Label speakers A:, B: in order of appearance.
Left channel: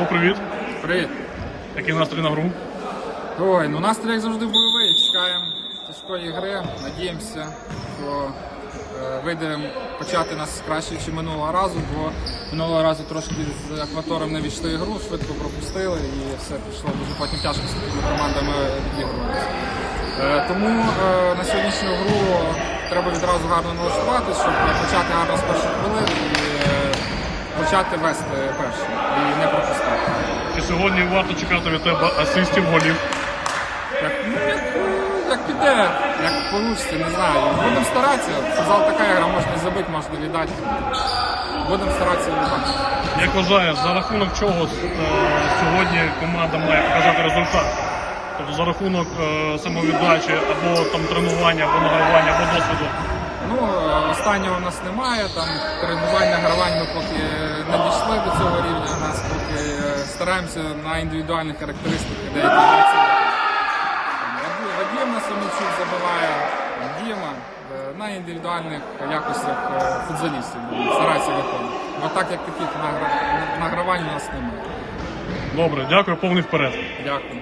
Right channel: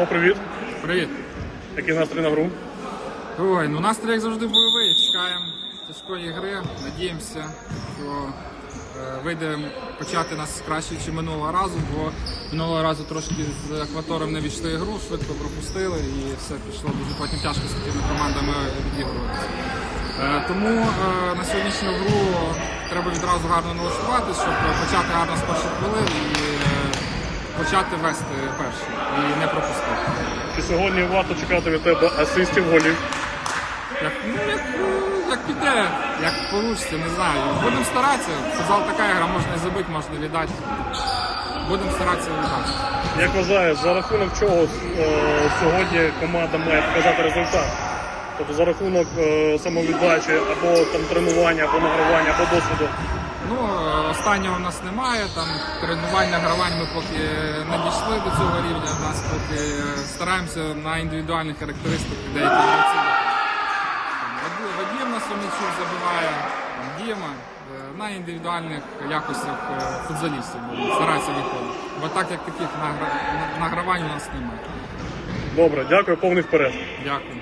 A: Павло, привіт.
B: Привіт.
A: Який настрій на гру?
B: Ой, ну настрій як завжди бойовий. Чекаємо тяжкої гри. Надіємося, що е, вийде почати нас краще, ніж минулого разу, бо минулого разу трошки з акватором не війшли гру, швидко пропустили і все пішло дуже потім тяжко з такими командами відігруватися. Е, тому е, на сьогоднішню гру треба відразу гарно налаштуватися, щоб почати гарно з перших хвилин і е, почати вести першим і не пропустити.
A: Чи сьогодні варто чекати від тебе асистів голів?
B: Як, ну, як, е, як піде, як вийде, не знаю. Будемо старатися. Футзал така гра, можна і забити, можна віддати. Будемо старатися віддати.
A: Як вважаєш, за рахунок чого е, сьогодні команда має показати результат? Тобто за рахунок е, самовіддачі або там тренування, або награвання, або досвіду.
B: Ну, останнього в нас немає. Там тренування, гравань ми поки не дійшли до цього рівня. Нас поки е, стараємося на індивідуальних характеристиках деякі Вадим- Вадим нас Сомічук забиває, Діма. Е, На індивідуальних якостях е, футзалістів будемо старатися виходити. Бо так як таких награвань у нас немає.
A: Добре, дякую, повний вперед.
B: Дякую.